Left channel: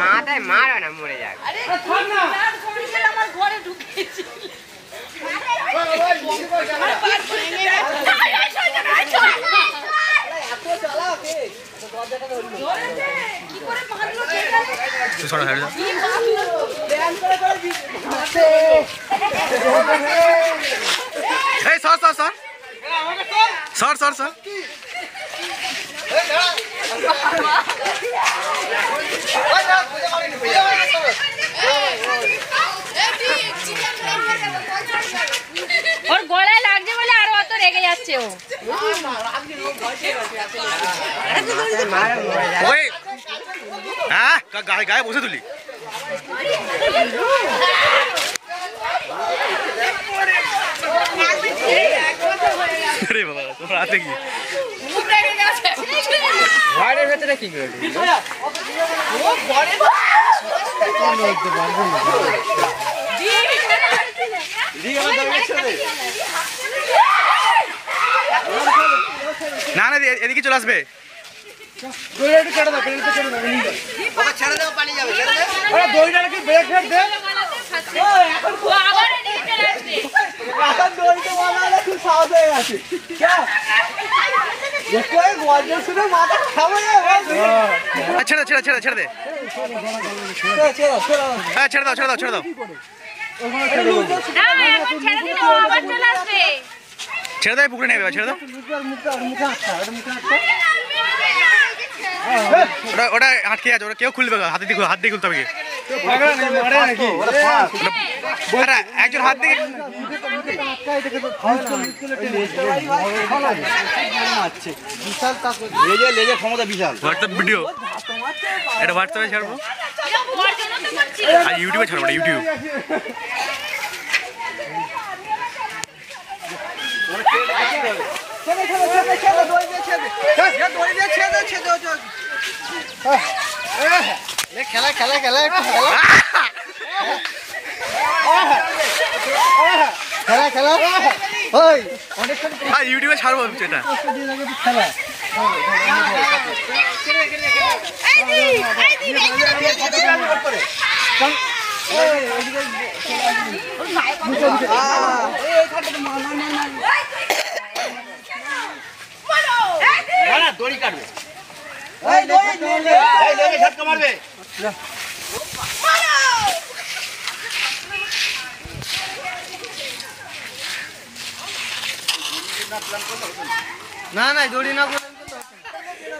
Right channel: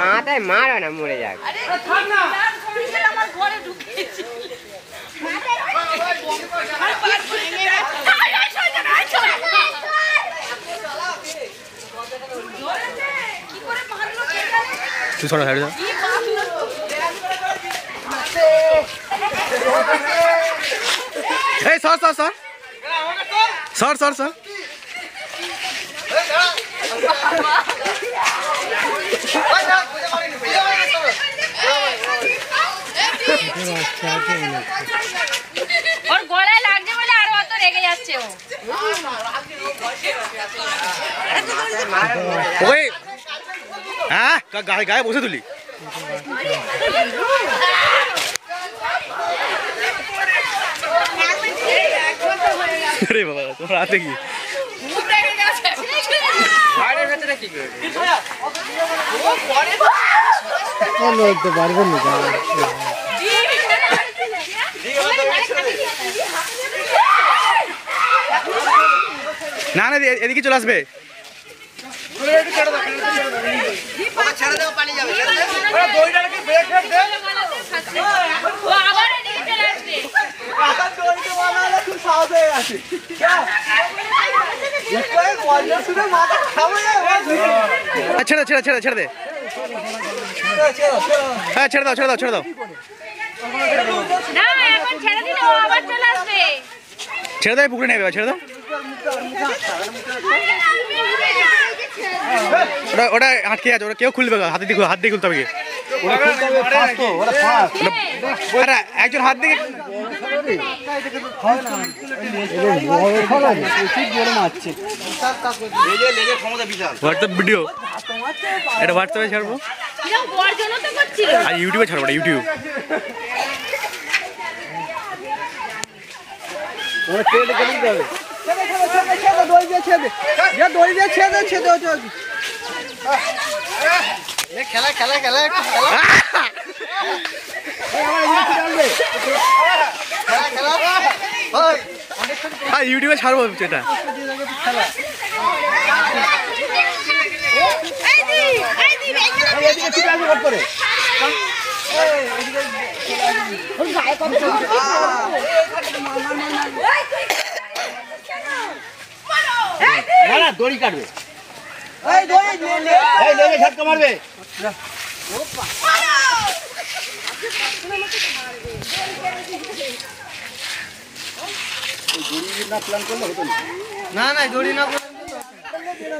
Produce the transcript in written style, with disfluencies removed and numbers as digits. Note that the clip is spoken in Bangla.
মাথায় মারা না মরে যাক। ওর গলায় লাগছে বলে আরো অত রেগে যাচ্ছে ও। হ্যাঁ গায়ে বসে তুলি আরে বাবা তোর হাতে কি ঘরের ভেতরে কি করবি? না না এদিকে চলে আসবে। ছেড়ে ছেড়ে ছেড়ে ছেড়ে দে, হ্যাঁ ছেড়ে দাও ছেড়ে দাও ছেড়ে দাও, ছেড়ে দাও পুকুরে নেবে, ছেড়ে দাও। ওটা আটকে আছে, ওটা কেউ খুলবে, হাত দিয়ে খুলতে হবে। একজন হাত দিয়ে হোয়াটসঅ্যাপ ভিডিও, এটা হোয়াটসঅ্যাপে ছাড়বো আর ইউটিউবে ছাড়বো, ইউটিউব। খেলা খেলা খেলা খেলা ইউটিউবে ছাড়বো সেটা। দড়ি কাটবে, ঝটকা মারবে। না না দড়ি না